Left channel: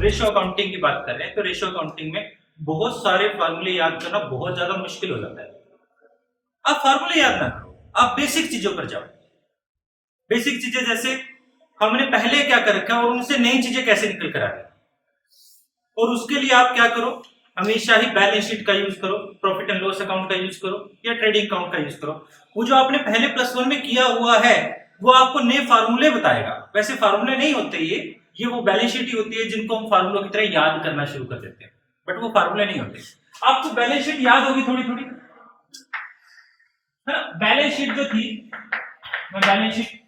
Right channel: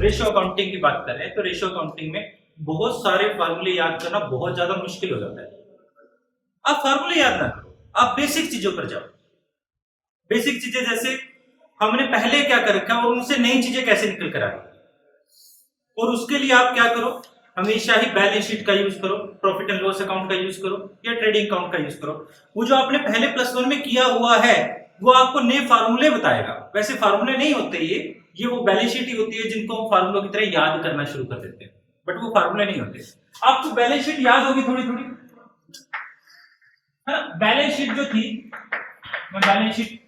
Ratio accounting की बात कर रहे हैं तो रेशियो अकाउंटिंग में बहुत सारे फार्मूले याद करना बहुत ज्यादा मुश्किल हो जाता है। आप फार्मूले याद ना करो, आप बेसिक चीजों पर जाओ। बेसिक चीजें जैसे हमने पहले क्या कर रखा है और उनसे नई चीजें कैसे निकल कर आ रही, और उसके लिए आप क्या करो, हमेशा ही बैलेंस शीट का यूज करो, प्रॉफिट एंड लॉस अकाउंट का यूज करो या ट्रेडिंग अकाउंट का यूज करो। वो जो आपने पहले +1 में किया हुआ है वो आपको नए फार्मूले बताएगा। वैसे फार्मूले नहीं होते ये वो बैलेंस शीट ही होती है जिनको हम फार्मूलों की तरह याद करना शुरू कर देते हैं, बट वो फार्मूले नहीं होते। आपको बैलेंस शीट याद होगी थोड़ी थोड़ी, है ना। बैलेंस शीट जो थी, मैं बैलेंस शीट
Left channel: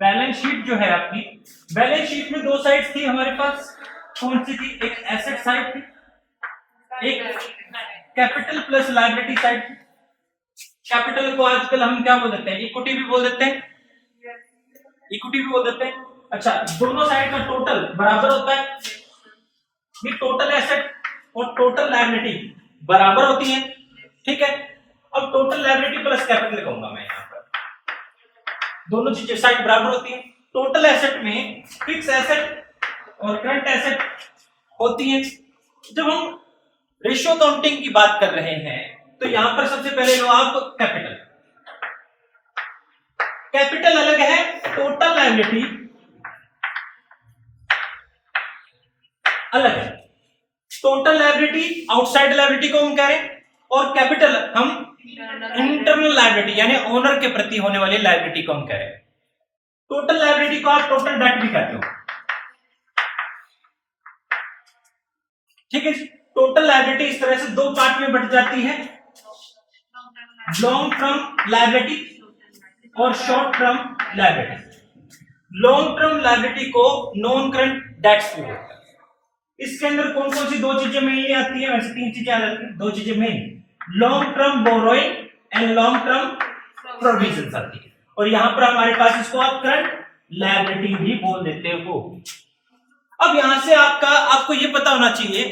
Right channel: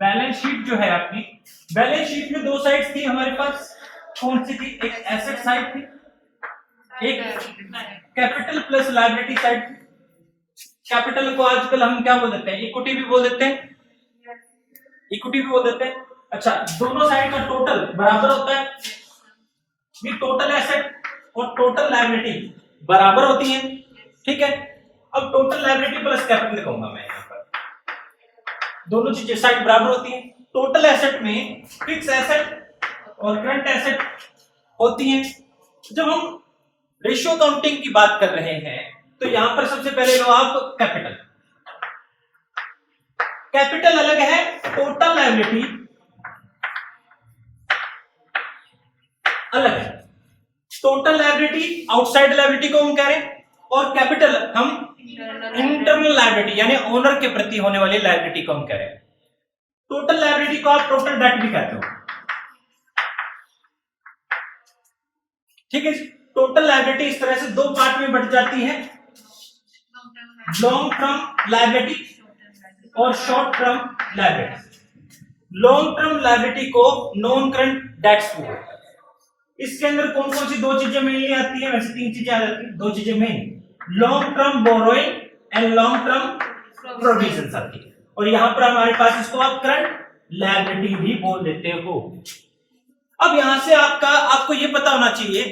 बैलेंस शीट जो है आपकी, बैलेंस शीट में दो साइड थी हमारे पास। कौन सी थी? एक एसेट साइड थी, एक कैपिटल प्लस लायबिलिटी साइड थी। कैपिटल को आजकल हम क्या बोल देते हैं? इक्विटी भी बोल देते हैं, इक्विटी भी बोल देते हैं। अच्छा, दोनों साइड का टोटल बराबर होता है, ये टोटल एसेट और टोटल लायबिलिटी बराबर होती है, ठीक है। अब टोटल लायबिलिटी प्लस कैपिटल कहूंगा मैं यहाँ पर, दोनों चीजें साइड बराबर होती है। टोटल एसेट में फिक्स एसेट और करंट एसेट होती है। जब हम रेशियो अकाउंटिंग की बात कर रहे हैं तो यहां पर सबसे पहले लो आप कैपिटल। कैपिटल अलग है, टोटल लायबिलिटी अलग है। टोटल लायबिलिटी आउटसाइड लायबिलिटी को हम कह रहे हैं, और कैपिटल हम इंटरनल लायबिलिटी यानी ओनर के प्रति होने वाली लायबिलिटी को हम कह रहे हैं। टोटल लायबिलिटी को आप टोटल डेट भी कहते हो, ठीक है। टोटल लायबिलिटी इस तरह से दो पार्ट में बट जाती है, लॉन्ग टर्म लायबिलिटी और short term liability. Long term liability को नॉन करंट डेट्स भी बोलते हैं। इसके अंदर कौन कौन सी दो चीजें मेनली आती है? वैसे तीन चीजें आ जाती है, दो चीजें main, long term borrowing and long term provision आती है। और यहां पर हमारे पास इसको आप करंट लायबिलिटी भी बोल देते हो। अब यहां से आपको ये पता होना चाहिए,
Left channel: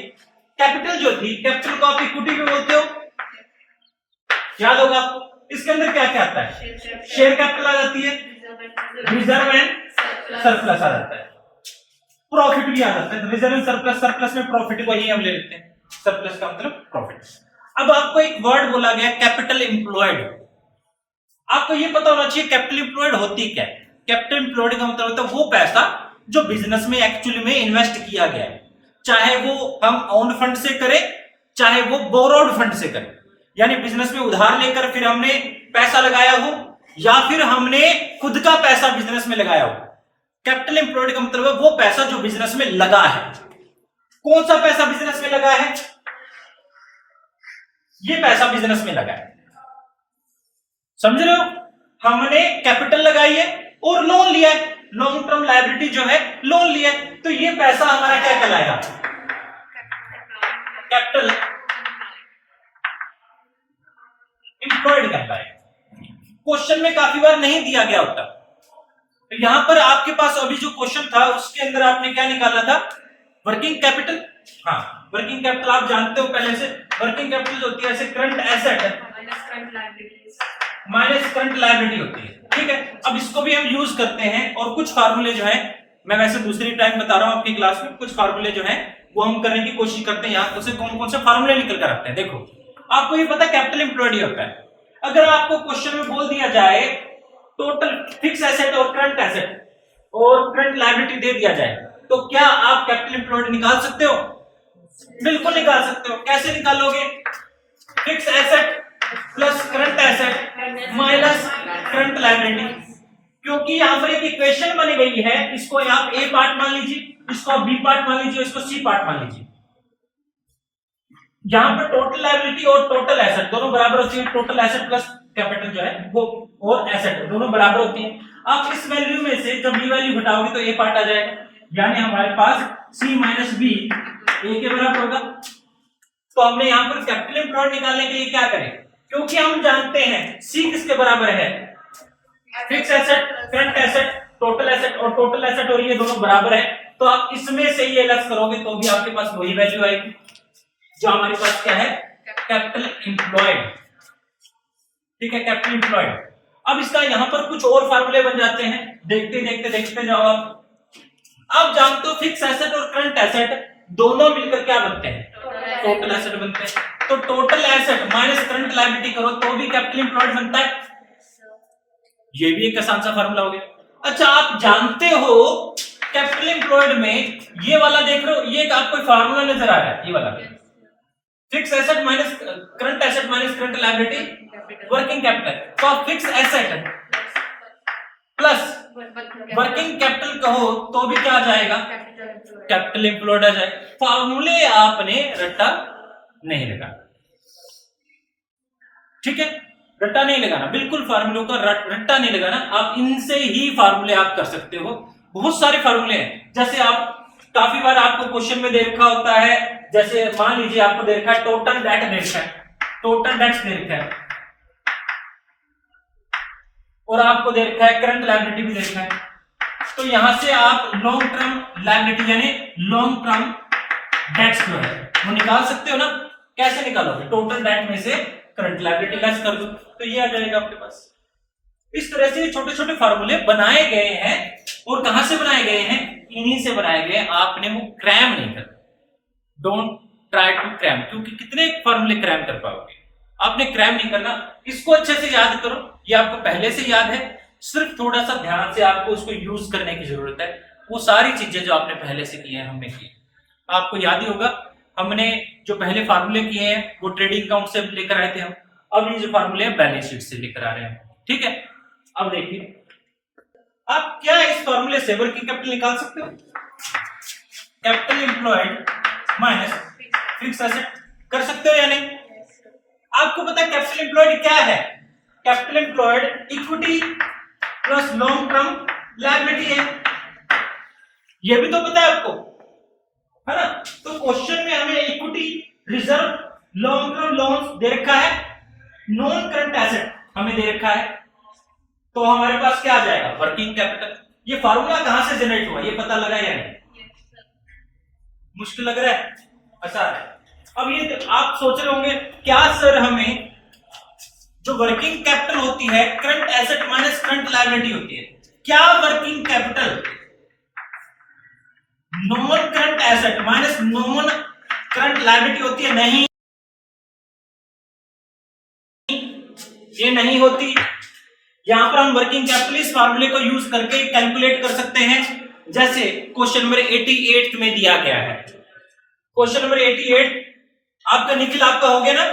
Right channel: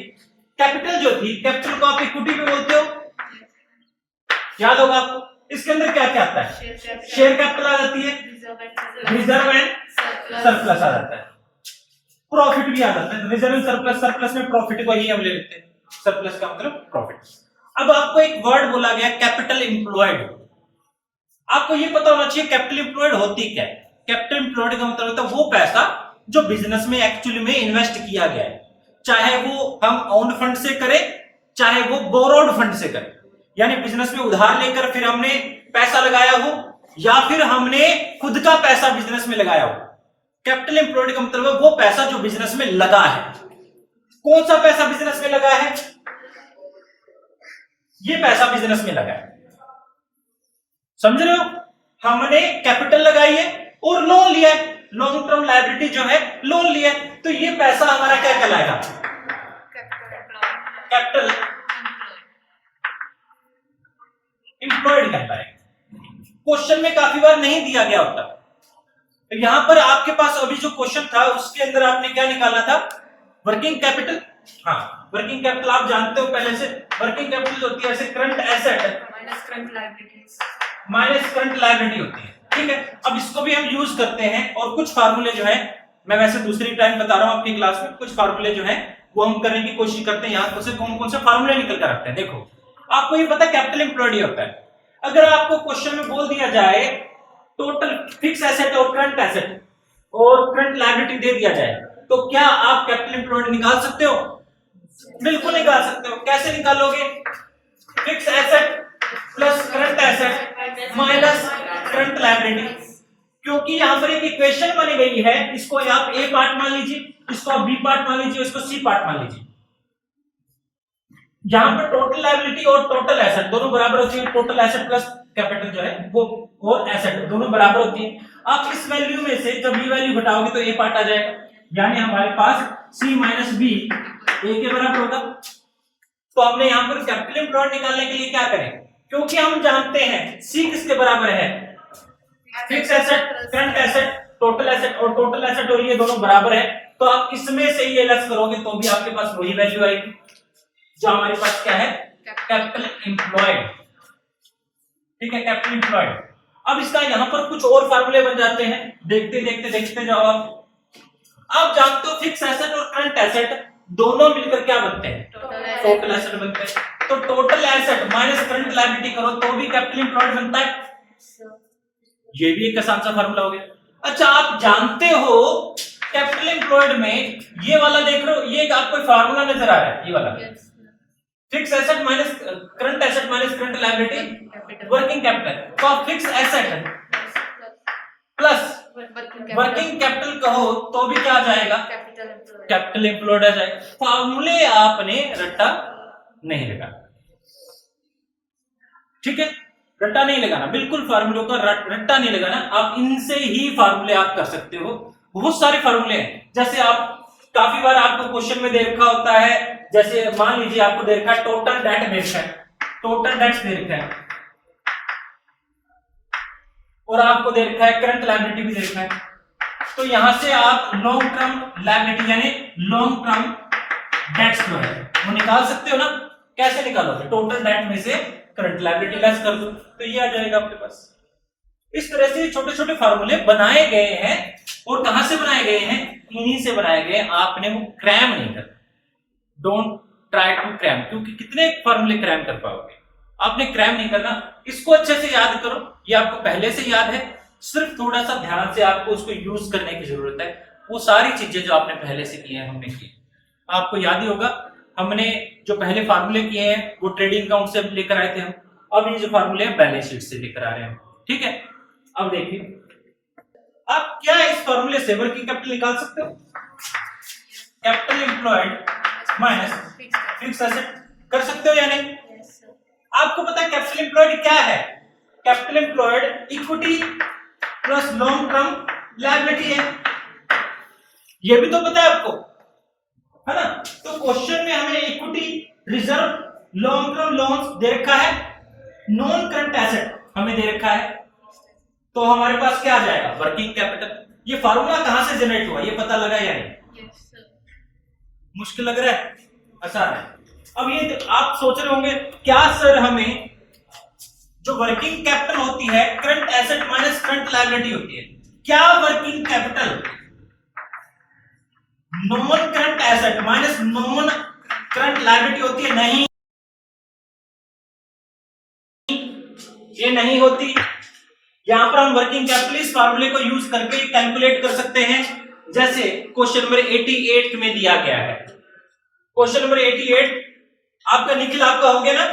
कैपिटल जो थी, कैपिटल को आप इक्विटी भी बोलते हो, याद होगा आपको। इसके अंदर क्या क्या आता है? शेयर कैपिटल आ जाती है, रिजर्व एंड सरप्लस आ जाता है, प्रॉफिट भी आ जाता है। रिजर्व एंड सरप्लस, सरप्लस में प्रॉफिट को ही हम ले लेते हैं, सरप्लस का मतलब प्रॉफिट। अब आपको एक वर्ड बोला गया कैपिटल एम्प्लॉयड। आपको ये पता होना चाहिए कैपिटल एम्प्लॉयड होती क्या है। कैपिटल एम्प्लॉयड का मतलब होता है वो पैसा जो बिजनेस में एक्चुअली में इन्वेस्ट किया गया है, चाहे वो हम ओन फंड से करें चाहे वो बोरोड फंड से करें, यानी बिजनेस में उधार लेकर फिर हमने पैसा लगाया हो या फिर हमने खुद का पैसा बिजनेस में लगाया हो। कैपिटल एम्प्लॉयड का मतलब है वो पैसा जो बिजनेस में लगा है। कौन सा पैसा बिजनेस में लगा है? ये पैसा बिजनेस में लगा है, समझ रहे हो। हमने कैपिटल लगाई है और लोन लिया है, लॉन्ग टर्म लायबिलिटी जो है लोन लिया है, तो ये पैसा हमारा क्या कहलाएगा? कैपिटल एम्प्लॉयड कहलाएगा। क्वेश्चन में काफी बार नहीं दिया गया होता, तो यहां पर आपके पास अभी जो क्वेश्चन था उसके अंदर आपने क्या निकालना था? Working capital. हाँ, वर्किंग कैपिटल आप जानते हो पहले से, वर्किंग कैपिटल होती है ऐसे current asset minus current liability होती है, ठीक है। अब इसको भी हम यूज करते हैं, और कुछ फार्मूले जो है मैं वैसे दूसरी टाइम बता रहा हूं आपकी क्लास में, कुछ फार्मूले जो है वो हम करने की कोशिश करते हैं। यहां से कौन कौन से फार्मूले निकल कर आते हैं देखो। आपको ये पता कैपिटल एम्प्लॉयड ही होता है। अगर आपको क्वेश्चन में बोल दिया जाए टोटल फिक्स एसेट और करंट एसेट और करंट लायबिलिटी दे दिया जाए, तो क्या आप कैपिटल एम्प्लॉयड निकाल सकते हो? बिल्कुल निकाल सकते हो। कैसे निकालोगे? Fix asset plus current asset minus current liability, क्योंकि यहां पर एक इक्वेशन बनी गई है। इसको आप ए पार्ट मान लीजिए, इसको आप बी पार्ट मान लीजिए, इसको सी पार्ट मान लीजिए। यहां पर टोटल लायबिलिटी और टोटल एसेट दोनों बराबर होती है। टोटल एसेट प्लस कैपिटल जो है वो और एसेट दोनों बराबर होती है। आप इस वैल्यू में से जब बी वैल्यू घटाओगे तो ए पार्ट आ जाएगा, यानी हमारे पास सी माइनस बी ए के बराबर होगा। तो हमने यहां पर कैपिटल एम्प्लॉयड निकालने के लिए क्या करें? क्योंकि हम जानते हैं सी किसके बराबर है? Fix asset, current asset, total asset, और टोटल एसेट और ये दोनों बराबर है। तो आप इसमें से ये लेस करोगे तो भी आपके पास वही वैल्यू आएगी जो हमारे पास क्या है? कैपिटल एम्प्लॉयड, ठीक है, कैपिटल एम्प्लॉयड। अब इसका यहाँ पर कुछ और फार्मूले बन जाते हैं, देखते जाओ आप जानते हो फिक्स एसेट और करंट एसेट दोनों मिलकर क्या बनते हैं, टोटल एसेट बनते हैं। तो total asset minus current liability करो तो भी कैपिटल एम्प्लॉयड बनता है, ये भी एक आसान सा फार्मूला हो गया। अच्छा आप जानते हो कैपिटल एम्प्लॉयड में ये वाला देख रहे हो, ये आपको फार्मूला नजर आ रहा है, ये वाला fix asset minus current liability working capital. तो आप fix asset plus working capital कहो तो भी क्या आ जाएगा, कैपिटल एम्प्लॉयड आ जाएगा। फार्मूले आपने रट्टा नहीं लगाना, ठीक है, रट्टा नहीं लगाना, बिल्कुल फार्मूलों का रट्टा नहीं लगाना। आप इनसे ही फार्मूले आप कर सकते हो, बहुत सारे फार्मूले हैं। जैसे आप काफी बार आपको क्वेश्चन में दे रखा होता है, जैसे मान लीजिए आपको दे रखा है टोटल डेट दे रखा है, टोटल डेट्स दे रखा है, और आपको दे रखा है करंट लायबिलिटी भी दे रखा है। तो यहां से आप लॉन्ग टर्म लायबिलिटी यानी लॉन्ग टर्म डेट्स जो है वो निकाल सकते हो ना। कैसे निकालोगे, टोटल डेट में से करंट लायबिलिटी लेस कर दो तो ये आ जाएगा आपके पास। इस तरह से छोटे छोटे फार्मूले बनाए गए हैं, और कहां से बनाए गए हैं, इन्हीं से बनाए गए। आपने वो क्रैम नहीं करना, डोंट ट्राई टू क्रैम, क्योंकि कितने फार्मूले क्रैम कर पाओगे, आपने क्रैम नहीं करना। इसको अच्छे से याद करो, ये आपको पहले से याद है, सिर्फ थोड़ा सा ध्यान से आपको उसको यूज करने की जरूरत है। वो सारी चीजें जो आपने पहले से की है हमने की, आपको याद ही होगा हमने जो पहले फार्मूले किए हैं वो ट्रेडिंग अकाउंट से लेकर आए थे हम, अब ये जो फार्मूले हैं बैलेंस शीट से लेकर आ रहे हैं, ठीक है। अब देखिए आप क्या इस फार्मूले से वर्किंग कैपिटल निकाल सकते हो, capital employed minus fix asset कर सकते हो या नहीं। आपको पता है कैपिटल एम्प्लॉयड क्या है, capital employed equity plus long term liability है, ये भी तो पता है आपको, है ना। तो क्वेश्चन में हमें equity reserve long term loans दे रखा है, नॉन करंट एसेट हमें दे रखा है, तो हमारे पास क्या आ जाएगा, वर्किंग कैपिटल। ये फार्मूला कहां से जनरेट हुआ ये पता लगा या नहीं, मुश्किल लग रहा है, आसान है। अब ये आप सोच रहे होंगे क्या सर हमें जो वर्किंग कैपिटल होती है current asset minus current liability होती है, क्या working capital non current asset minus non current liability होती है, नहीं, ये नहीं होती। यहां पर हम वर्किंग कैपिटल इस फार्मूले को यूज करके कैलकुलेट कर सकते हैं, जैसे क्वेश्चन नंबर 88 में दिया गया है। क्वेश्चन नंबर 88 आपका निखिल आपका हो गया ना,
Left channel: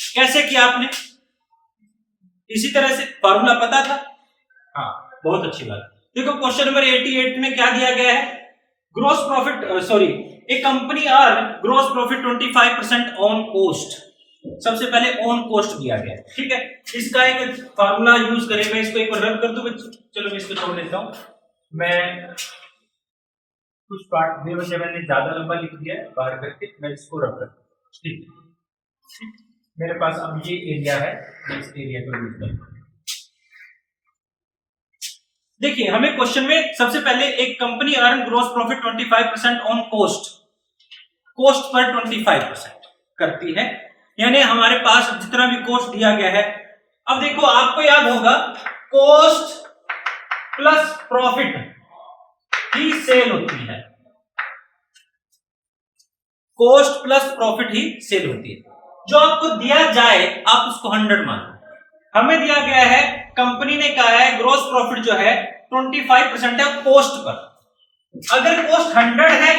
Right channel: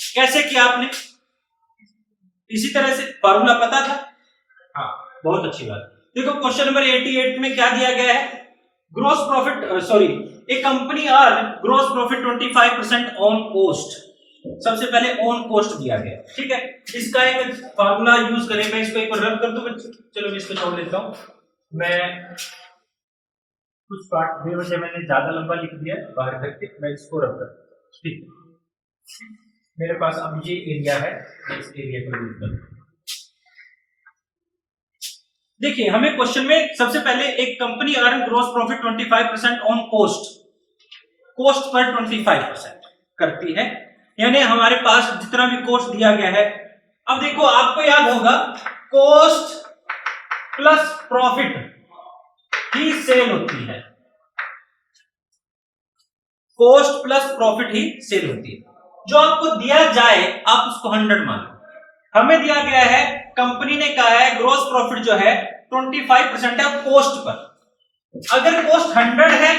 कैसे किया आपने, इसी तरह से फार्मूला पता था, हाँ बहुत अच्छी बात। देखो क्वेश्चन नंबर 88 में क्या दिया गया है, gross profit a company earn gross profit 25% on cost. सबसे पहले ऑन कोस्ट दिया गया है, ठीक है। इसका एक फार्मूला यूज करें, मैं इसको एक बार रन कर दूं बच्चों, चलो मैं इसको छोड़ देता हूं, मैं कुछ पार्ट दे वजह मैंने ज्यादा लंबा लिख दिया बाहर करके, मैं इसको रन कर, ठीक है। मेरे पास अब ये एरिया है, मैं इस एरिया को यूज करूंगा। देखिए हमें क्वेश्चन में सबसे पहले एक company earn gross profit 25% on cost, cost पर 25% करती है, यानी हमारे पास जितना भी कोस्ट दिया गया है। अब देखो आपको याद होगा कोस्ट प्लस प्रॉफिट ही सेल होती है, कोस्ट प्लस प्रॉफिट ही सेल होती है। जो आपको दिया जाए आप उसको 100 मानो, हमें दिया गया है, कंपनी ने कहा है ग्रोस प्रॉफिट जो है 25% है कोस्ट पर, अगर कोस्ट 100 है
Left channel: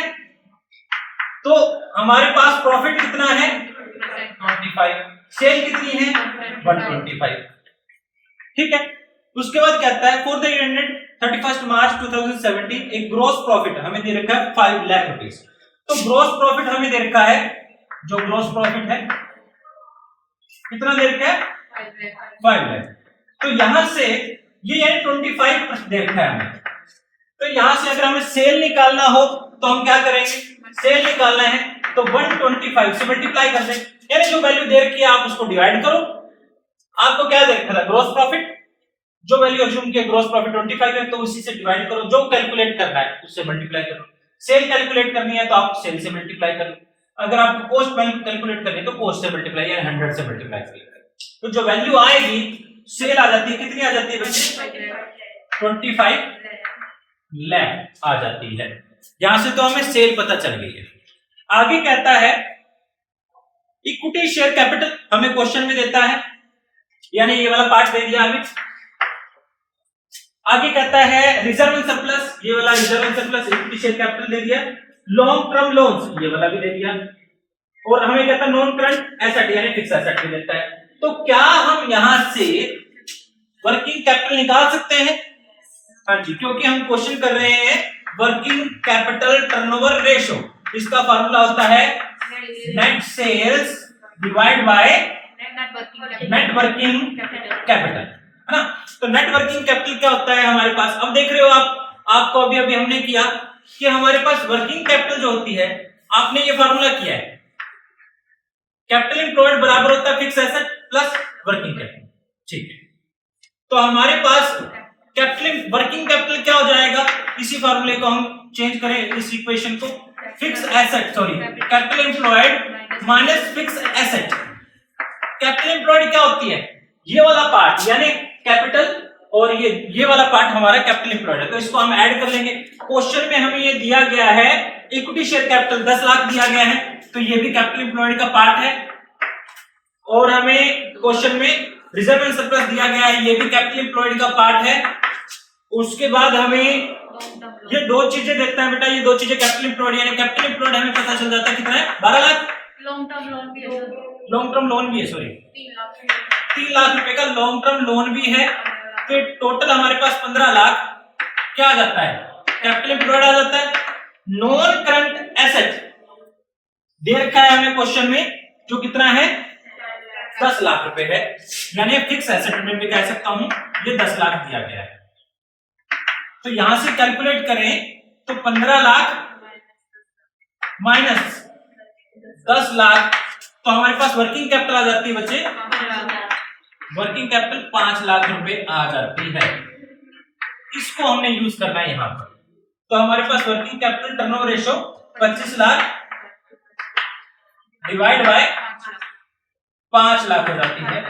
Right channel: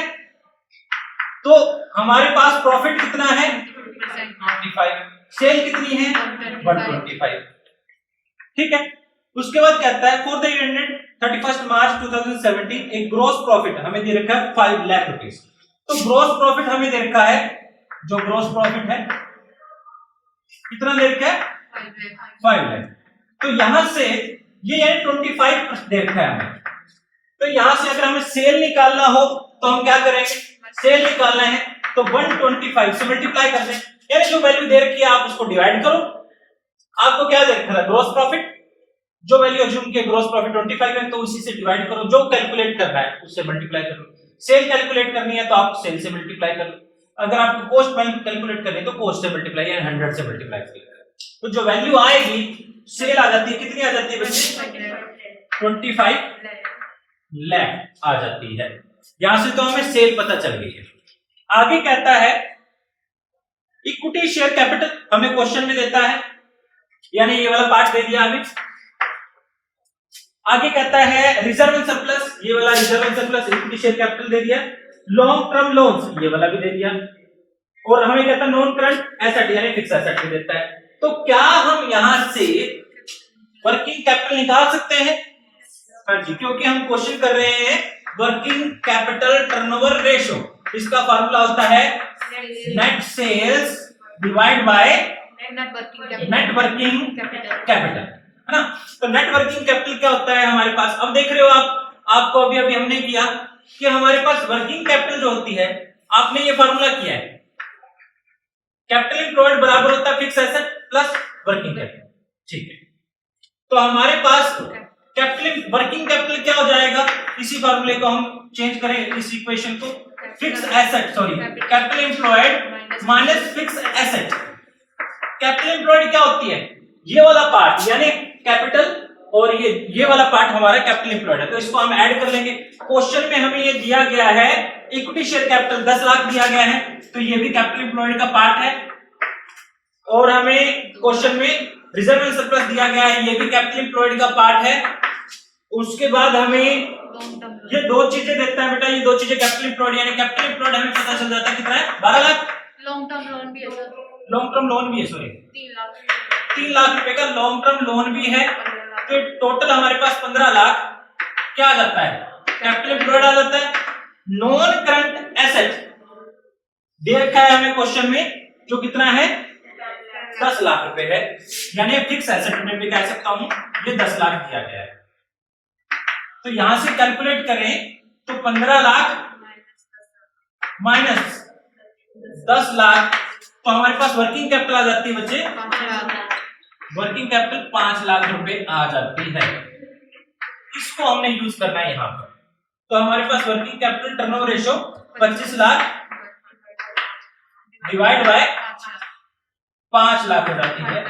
तो हमारे पास प्रॉफिट कितना है 25, सेल कितनी है 125, ठीक है। उसके बाद कहता है फॉर द ईयर एंडेड 31 मार्च 2017 एक ग्रोस प्रॉफिट हमें दे रखा है 5 लाख रुपीस। तो ग्रोस प्रॉफिट हमें दे रखा है, जो ग्रोस प्रॉफिट है कितना दे रखा है 5 लाख। तो यहां से ये 25% दे रखा है हमें, तो यहां से अगर हमें सेल निकालना हो तो हम क्या करेंगे, सेल निकालना है तो 125 से मल्टीप्लाई कर दें, यानी जो वैल्यू दे रखी है आप उसको डिवाइड करो। आपको क्या दे रखा था ग्रोस प्रॉफिट, जो वैल्यू अज्यूम किया ग्रोस प्रॉफिट 25 है तो उसी से डिवाइड करो, जो कैलकुलेट करना है उससे मल्टीप्लाई करो। सेल कैलकुलेट करनी है तो आप सेल से मल्टीप्लाई कर लो, अगर आपको कोस्ट कैलकुलेट करनी है तो कोस्ट से मल्टीप्लाई या 100 से मल्टीप्लाई करिए। तो जो वैल्यू आएगी सेल आ जाती है, कितनी आ जाती है बच्चे? 25 लाख आ जाती है। यहां से तो हमें सेल पता चल गई है। आगे कहता है इक्विटी शेयर कैपिटल, हमें क्वेश्चन में देता है, यानी ये वाला पार्ट दे दिया हमें। आगे कहता है रिजर्व एंड सरप्लस, ये वाला reserve and surplus, equity share capital दे दिया। लॉन्ग टर्म लोन्स, ये वाला भी दे दिया। और हमें कहता है नॉन करंट एसेट यानी फिक्स एसेट भी देता है। तो क्या हम यहां से वर्किंग कैपिटल निकाल सकते हैं? हाँ जी, क्योंकि हम क्वेश्चन कर रहे हैं वर्किंग कैपिटल टर्नओवर रेशो। इसका फार्मूला होता है net sales divide by net working capital, है ना। तो नेट वर्किंग कैपिटल क्या होता है हमारे पास? अब देख रहे हो आपको अभी हमने किया कि हमारे पास वर्किंग कैपिटल जो होती है, आपने ये फार्मूला किया है, कैपिटल एम्प्लॉयड बराबर होता है fix asset plus working capital, ठीक है। तो हमारे पास कैपिटल वर्किंग कैपिटल क्या हो जाएगा? इसी फार्मूले को हम चेंज करें, इस इक्वेशन को, fix asset sorry capital employed minus fix asset. Capital employed क्या होती है? ये वाला पार्ट यानी कैपिटल, और ये वाला पार्ट हमारा कैपिटल एम्प्लॉयड है। तो इसको हम ऐड कर लेंगे। क्वेश्चन में हमें ये दिया गया है इक्विटी शेयर कैपिटल 10 लाख दिया गया है, तो ये भी कैपिटल एम्प्लॉयड का पार्ट है। और हमें क्वेश्चन में रिजर्व एंड सरप्लस दिया गया है, ये भी कैपिटल एम्प्लॉयड का पार्ट है। उसके बाद हमें ये दो चीजें देता है बेटा, ये दो चीजें कैपिटल एम्प्लॉयड, यानी कैपिटल एम्प्लॉयड हमें पता चल जाता है कितना है? 12 लाख। लॉन्ग टर्म लोन भी है सॉरी 3 लाख रुपए का लॉन्ग टर्म लोन भी है। तो टोटल हमारे पास 15 लाख क्या आ जाता है? कैपिटल एम्प्लॉयड आ जाता है। नॉन करंट एसेट दे रखा है हमें क्वेश्चन में, जो कितना है? 10 लाख रुपए है, यानी फिक्स एसेट में भी कह सकता हूं ये 10 लाख दिया गया है। तो यहां से कैलकुलेट करें तो 15 लाख माइनस 10 लाख, तो हमारे पास वर्किंग कैपिटल आ जाती है बच्चे, वर्किंग कैपिटल 5 लाख रुपए आ जाती है। इसको हमने यूज करना है यहां पर। तो हमारे पास working capital turnover ratio 25 lakh divide by 5 lakh हो जाती है,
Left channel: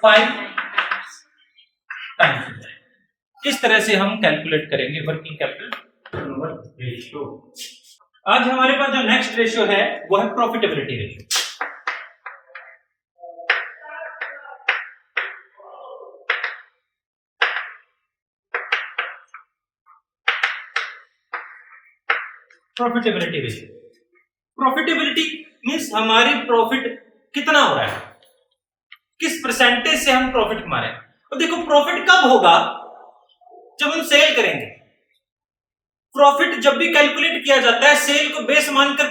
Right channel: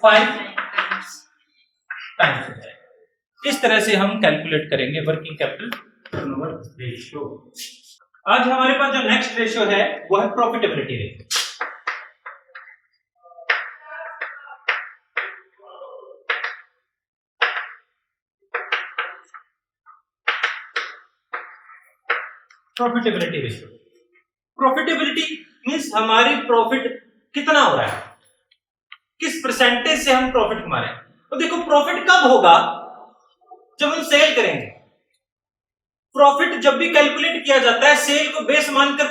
5 टाइम्स हो जाएगा। इस तरह से हम कैलकुलेट करेंगे वर्किंग कैपिटल टर्नओवर रेशियो। आज हमारे पास जो नेक्स्ट रेशियो है वो है profitability ratio. Profitability ratio, profitability means हमारी प्रॉफिट कितना हो रहा है, किस परसेंटेज से हम प्रॉफिट कमा रहे हैं। तो देखो प्रॉफिट कब होगा? जब हम सेल करेंगे। प्रॉफिट जब भी कैलकुलेट किया जाता है सेल को बेस मानकर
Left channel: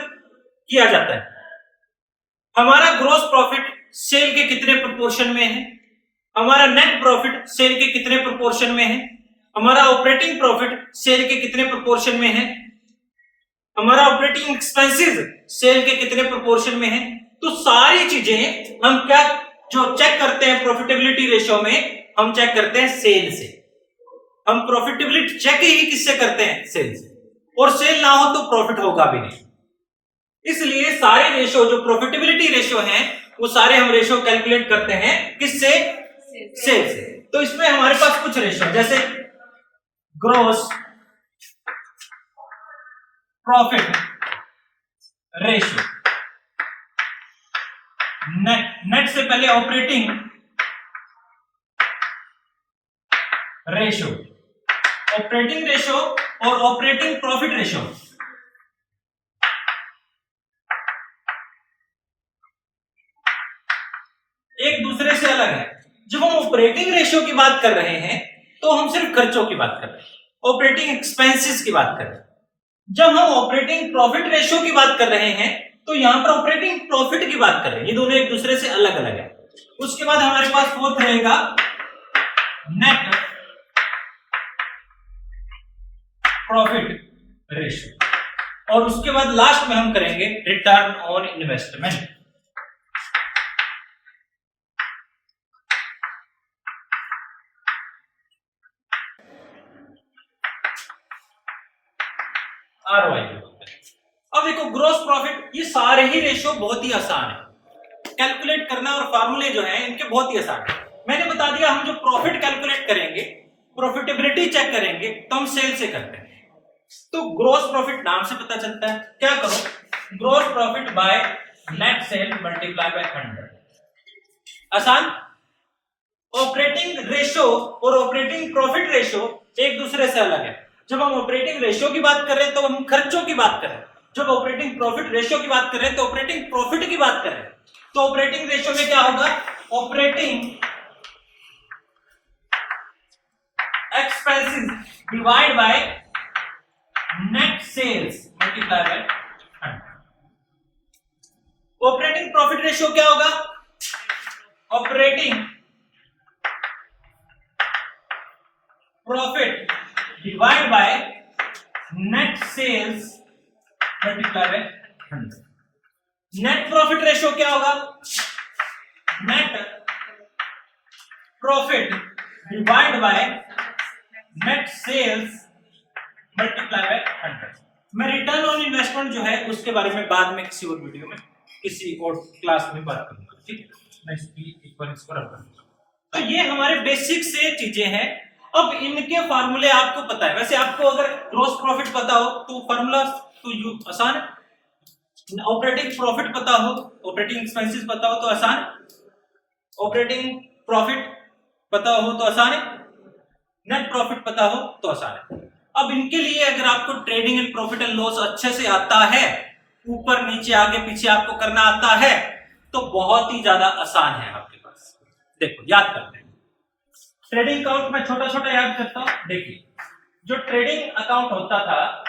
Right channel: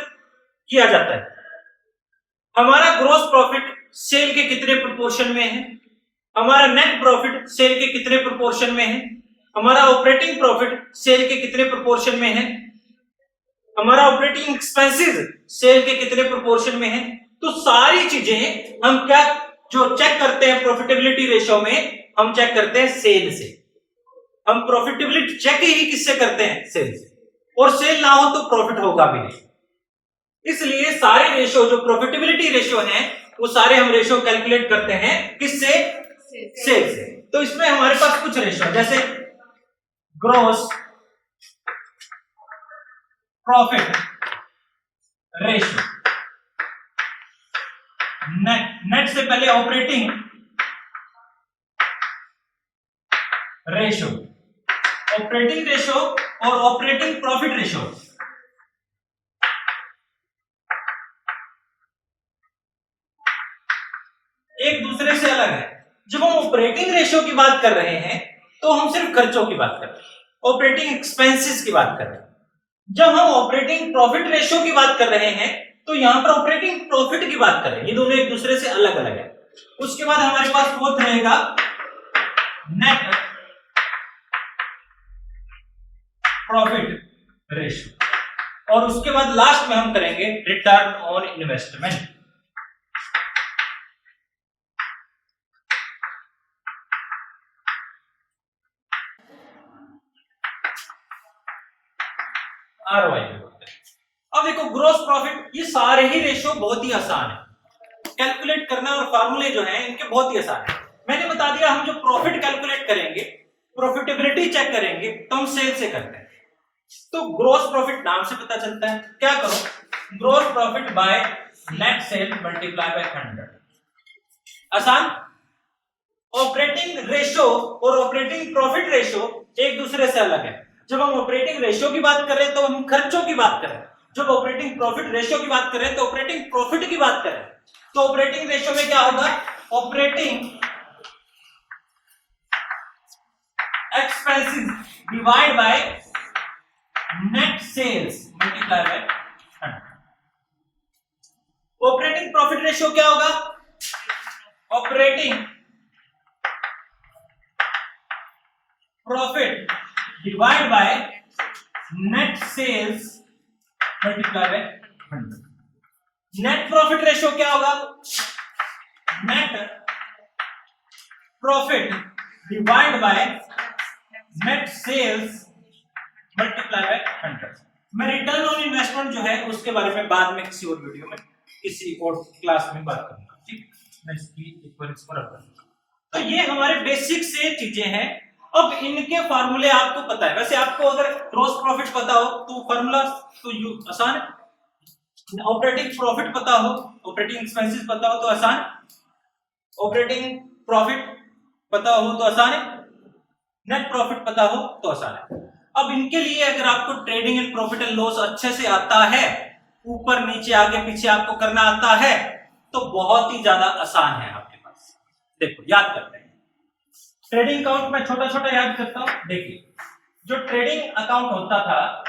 किया जाता है। हमारा ग्रॉस प्रॉफिट सेल के कितने प्रोपोर्शन में है, हमारा नेट प्रॉफिट सेल के कितने प्रोपोर्शन में है, हमारा ऑपरेटिंग प्रॉफिट सेल के कितने प्रोपोर्शन में है, हमारा ऑपरेटिंग एक्सपेंसेस सेल के कितने प्रोपोर्शन में है। तो सारी चीजें हम क्या जो चेक करते हैं प्रॉफिटेबिलिटी रेशियो में, हम चेक करते हैं सेल से। हम प्रॉफिटेबिलिटी चेक ही किससे करते हैं? सेल से। और सेल ना हो तो प्रॉफिट होगा भी नहीं। इसलिए सारे रेशियो जो प्रॉफिटेबिलिटी रेशियो हैं वो सारे हम रेशियो कैलकुलेट करते हैं किससे? सेल से। तो इसमें हमारे पास कुछ रेशियो जैसे ग्रॉस प्रॉफिट रेशियो, नेट से पहले ऑपरेटिंग रेशियो, ऑपरेटिंग रेशियो और ऑपरेटिंग प्रॉफिट रेशियो। एक दूसरे से अलग है। जब हम ऑपरेटिंग रेशियो की बात कर रहे हैं तो हम सिर्फ खर्चों की बात कर रहे हैं, ऑपरेटिंग एक्सपेंसेस की बात कर रहे हैं। जब हम ऑपरेटिंग प्रॉफिट रेशियो की बात कर रहे हैं तो यहां पर ऑपरेटिंग प्रॉफिट की बात कर रहे हैं। ये दोनों एक दूसरे से अलग अलग है। उसके बाद हमारे पास फोर्थ रहेगा नेट प्रॉफिट रेशियो, और उसके बाद लास्ट में हम करेंगे रिटर्न ऑन इन्वेस्टमेंट। ROI बोलते हैं। अब देखो ग्रोस प्रॉफिट, ये सारे ही रेशियो बहुत ही आसान है कैलकुलेट करना, और फार्मूले जो है इनके बहुत ही आसान है। मैंने बता दिया हम जो प्रॉफिट कैलकुलेट करेंगे, प्रॉफिटेबिलिटी चेक करेंगे, तो हम सेल से करते हैं। तो ग्रॉस प्रॉफिट नाम से पता चलता है। क्या करो, gross profit by net cell multiply by 100। आसान। ऑपरेटिंग रेशो और ऑपरेटिंग प्रॉफिट रेशो एक दूसरे से अलग है। जब हम ऑपरेटिंग रेशो की बात कर रहे हैं तो हम खर्चों की बात कर रहे हैं, जब ऑपरेटिंग प्रॉफिट रेशो की बात कर रहे हैं तो ऑपरेटिंग प्रॉफिट की बात कर रहे हैं। तो ऑपरेटिंग रेशो में क्या होगा, operating expenses divide by net sales multiply by 100। Operating profit ratio क्या होगा, operating profit divide by net sales multiply by 100। Net profit ratio क्या होगा, net profit divide by net sales multiply by 100। मैं return on investment जो है उसके बारे में बाद में किसी और वीडियो में किसी और क्लास में बात करूंगा, ठीक है। मैं इसकी एक बार इसको रख दूंगा। तो ये हमारे बेसिक से चीजें हैं। अब इनके फार्मूले आपको पता है। वैसे आपको अगर ग्रॉस प्रॉफिट पता हो तो फार्मूला तो आसान है। ऑपरेटिंग प्रॉफिट पता हो, ऑपरेटिंग एक्सपेंसेस पता हो तो आसान, ऑपरेटिंग प्रॉफिट पता हो तो आसान है, नेट प्रॉफिट पता हो तो आसान है। अब इनके लिए अगर आपको trading and profit and loss अच्छे से आता है, ऊपर नीचे आगे पीछे आपको करना आता है, तो बहुत ही ज्यादा आसान है आपके पास। देखो याद करते हैं। ट्रेडिंग अकाउंट में छोटा छोटा याद करता हूं। देखिए जो ट्रेडिंग अकाउंट होता था,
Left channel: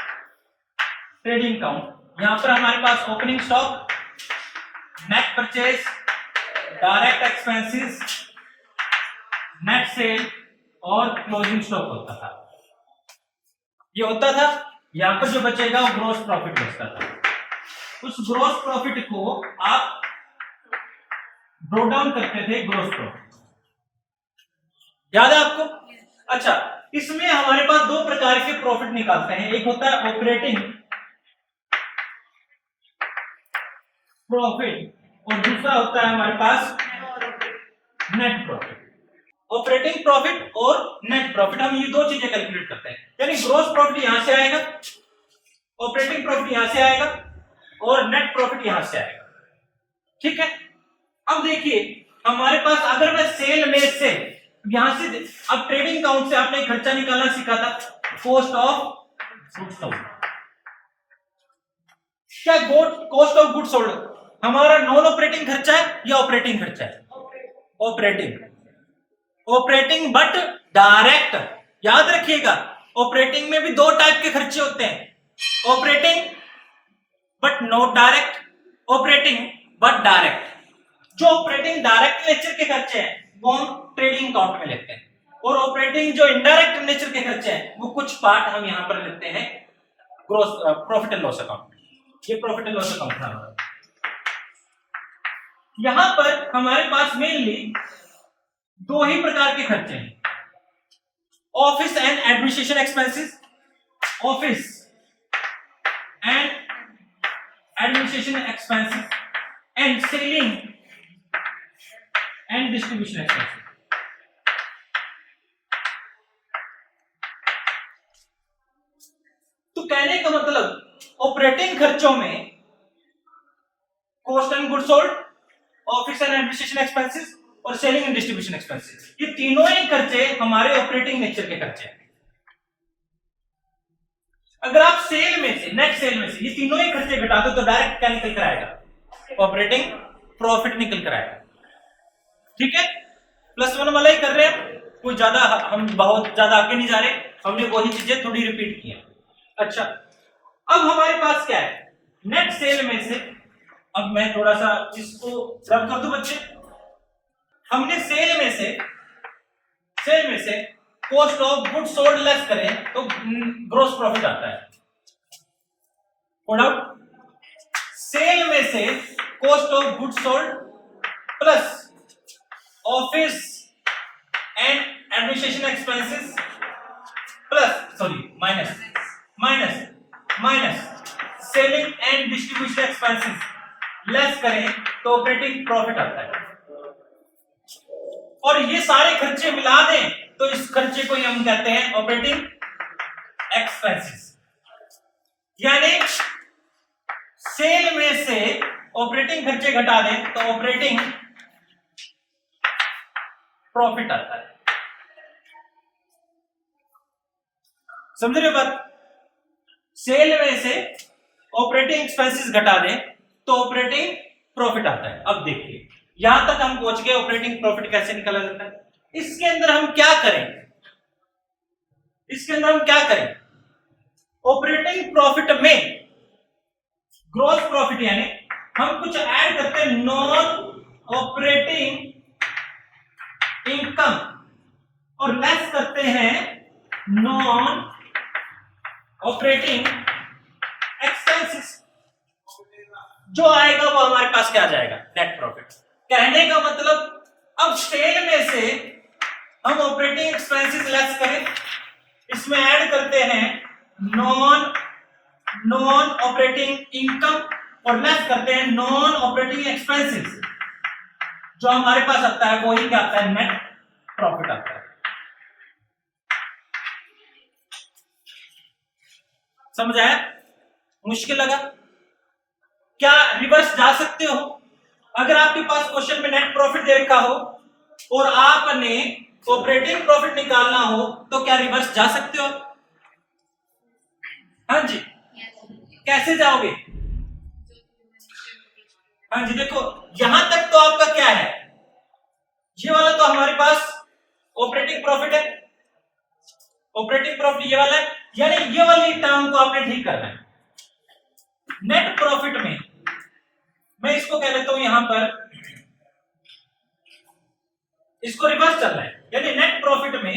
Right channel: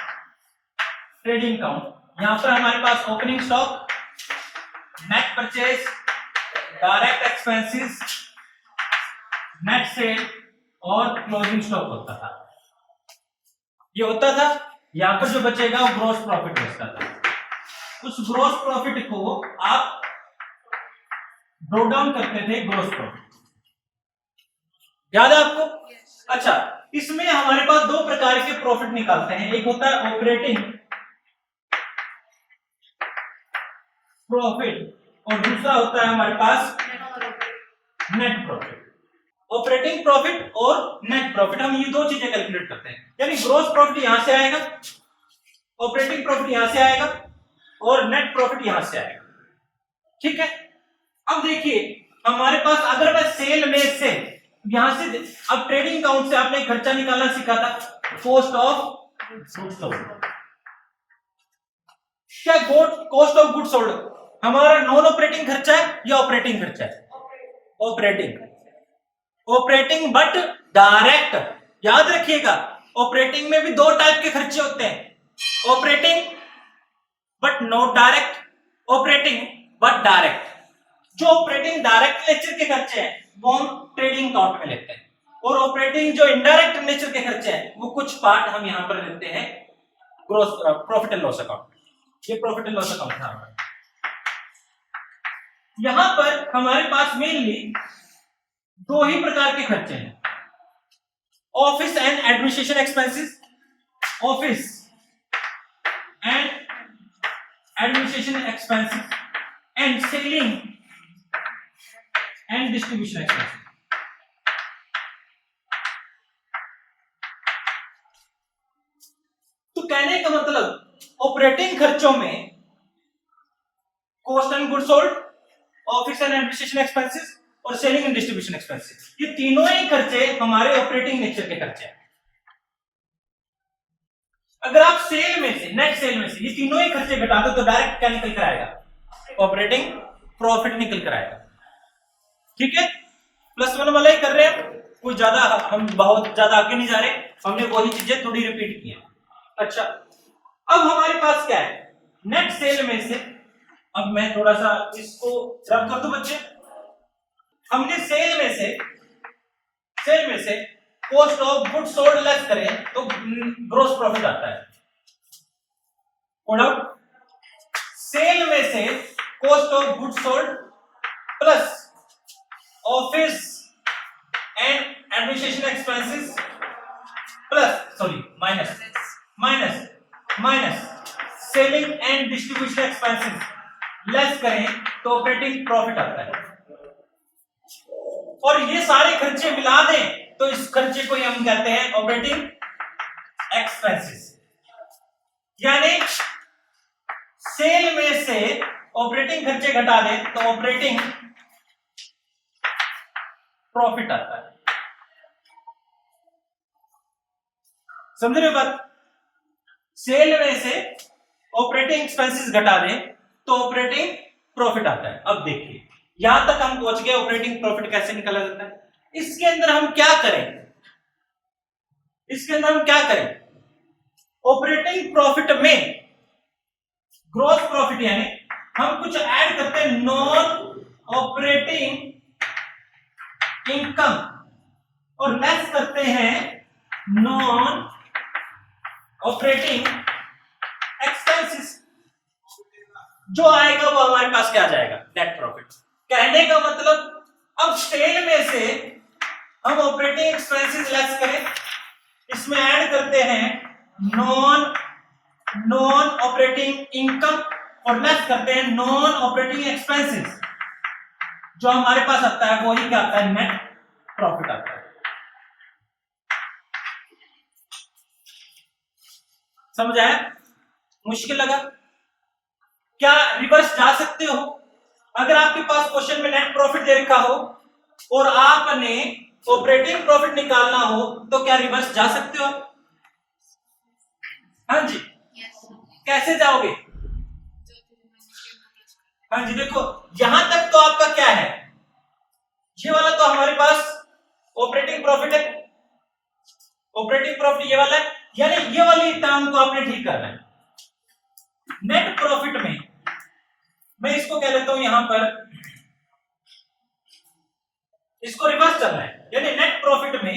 ट्रेडिंग अकाउंट, यहां पर हमारे पास opening stock, net purchase, direct expenses, net sale और क्लोजिंग स्टॉक होता था। ये होता था। यहां पर जो बचेगा वो ग्रॉस प्रॉफिट बचता था। उस ग्रॉस प्रॉफिट को आप ब्रोक डाउन करते थे ग्रॉस प्रॉफिट। याद है आपको? अच्छा, इसमें हमारे पास दो प्रकार के प्रॉफिट निकालते हैं। एक होता है ऑपरेटिंग प्रॉफिट और दूसरा होता है हमारे पास नेट प्रॉफिट। ऑपरेटिंग प्रॉफिट और नेट प्रॉफिट, हम ये दो चीजें कैलकुलेट करते हैं। यानी ग्रॉस प्रॉफिट यहां से आएगा, ऑपरेटिंग प्रॉफिट यहां से आएगा और नेट प्रॉफिट यहां से आएगा, ठीक है। अब देखिए हमारे पास अगर मैं सेल में से यहां से, अब ट्रेडिंग अकाउंट से आपने खर्चा निकालना सीखा था, कॉस्ट ऑफ गुड्स सोल्ड। क्या कॉस्ट ऑफ गुड्स सोल्ड हमारा नॉन ऑपरेटिंग खर्चा है या ऑपरेटिंग खर्चा है? ऑपरेटिंग। Operating but direct. याद रखिएगा ऑपरेटिंग में भी दो टाइप के खर्चे होते हैं, operating but not direct, operating but direct. जो ऑपरेटिंग डायरेक्ट नेचर के खर्चे हैं वो हम ट्रेडिंग अकाउंट में लेते हैं, और ऑपरेटिंग जो इनडायरेक्ट नेचर के खर्चे हैं वो कुछ पार्ट हम यहां पर लेते हैं gross profit and loss account में। ये प्रॉफिट एंड लॉस अकाउंट है। यहां पर हमारे पास मेनली दो ही प्रकार के खर्चे हैं, office and administration expenses, office and administration expenses and selling and distribution expenses. तो कहने का मतलब ऑपरेटिंग खर्चों में cost and goods sold, office and administration expenses और सेलिंग एंड डिस्ट्रीब्यूशन एक्सपेंसेस, ये तीनों ही खर्चे हमारे ऑपरेटिंग नेचर के खर्चे हैं। अगर आप सेल में से, नेट सेल में से ये तीनों ही खर्चे घटा दो तो डायरेक्ट क्या निकल कर आएगा? ऑपरेटिंग प्रॉफिट निकल कर आएगा, ठीक है। +1 वाला ही कर रहे हैं, कोई ज्यादा हम बहुत ज्यादा आगे नहीं जा रहे, हमने वही चीजें थोड़ी रिपीट की है। अच्छा, अब हमारे पास क्या है नेट सेल में से, अब मैं थोड़ा सा इसको रब कर दूं बच्चे। हमने सेल में से cost of goods sold less करें तो ग्रॉस प्रॉफिट आता है। सेल में से cost of goods sold plus office and administration expenses plus minus selling and distribution expenses less करें तो ऑपरेटिंग प्रॉफिट आता है। और ये सारे खर्चे मिला दें तो इस खर्चे को हम कहते हैं ऑपरेटिंग एक्सपेंसेस। यानी सेल में से ऑपरेटिंग खर्चे घटा दें तो ऑपरेटिंग प्रॉफिट आता है। समझ रहे हो बात? सेल में से ऑपरेटिंग एक्सपेंसेस घटा दें तो ऑपरेटिंग प्रॉफिट आता है। अब देखिए यहां तक हम पहुंच गए, ऑपरेटिंग प्रॉफिट कैसे निकाला जाता है। इसके अंदर हम क्या करें, ऑपरेटिंग प्रॉफिट में ग्रॉस प्रॉफिट यानी हम कुछ ऐड करते हैं नॉन ऑपरेटिंग इनकम और लेस करते हैं नॉन ऑपरेटिंग एक्सपेंसेस। जो आएगा वो हमारे पास क्या जाएगा, नेट प्रॉफिट। कहने का मतलब अब सेल में से हम ऑपरेटिंग एक्सपेंसेस लेस करें, इसमें ऐड करते हैं नॉन ऑपरेटिंग इनकम और लेस करते हैं नॉन ऑपरेटिंग एक्सपेंसेस। जो हमारे पास आता है वो ही क्या आता है, नेट प्रॉफिट आता है। समझ आया? मुश्किल लगा? क्या रिवर्स जा सकते हो? अगर आपके पास क्वेश्चन में नेट प्रॉफिट दे रखा हो और आपने ऑपरेटिंग प्रॉफिट निकालना हो तो क्या रिवर्स जा सकते हो? हाँ जी, कैसे जाओगे? हाँ जी, देखो यहां तक तो आपका क्या है, ये वाला तो हमारे पास ऑपरेटिंग प्रॉफिट है, ऑपरेटिंग प्रॉफिट ये वाला है, यानी ये वाली टर्म को आपने ठीक करना है। नेट प्रॉफिट में मैं इसको कह लेता हूं यहां पर, इसको रिवर्स करना है, यानी नेट प्रॉफिट में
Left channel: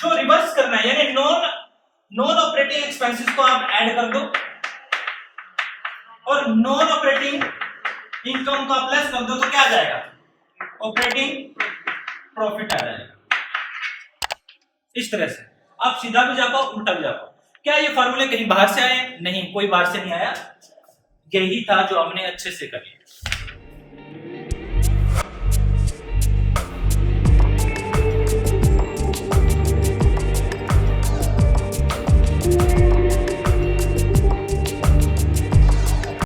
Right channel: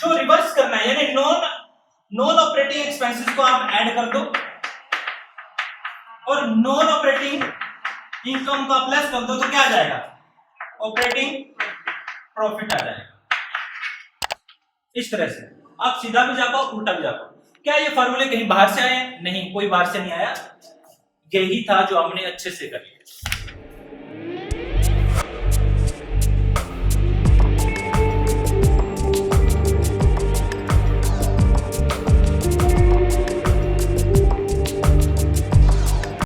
जो रिवर्स करना है यानी नॉन ऑपरेटिंग एक्सपेंसेस को आप ऐड कर दो और नॉन ऑपरेटिंग इनकम को आप लेस कर दो तो क्या आ जाएगा, ऑपरेटिंग प्रॉफिट आ जाएगा। इस तरह से आप सीधा भी जा पाओ उल्टा भी जा पाओ। क्या ये फार्मूले कहीं बाहर से आए? नहीं, कोई बाहर से नहीं आया, यही था जो हमने अच्छे से कर लिया।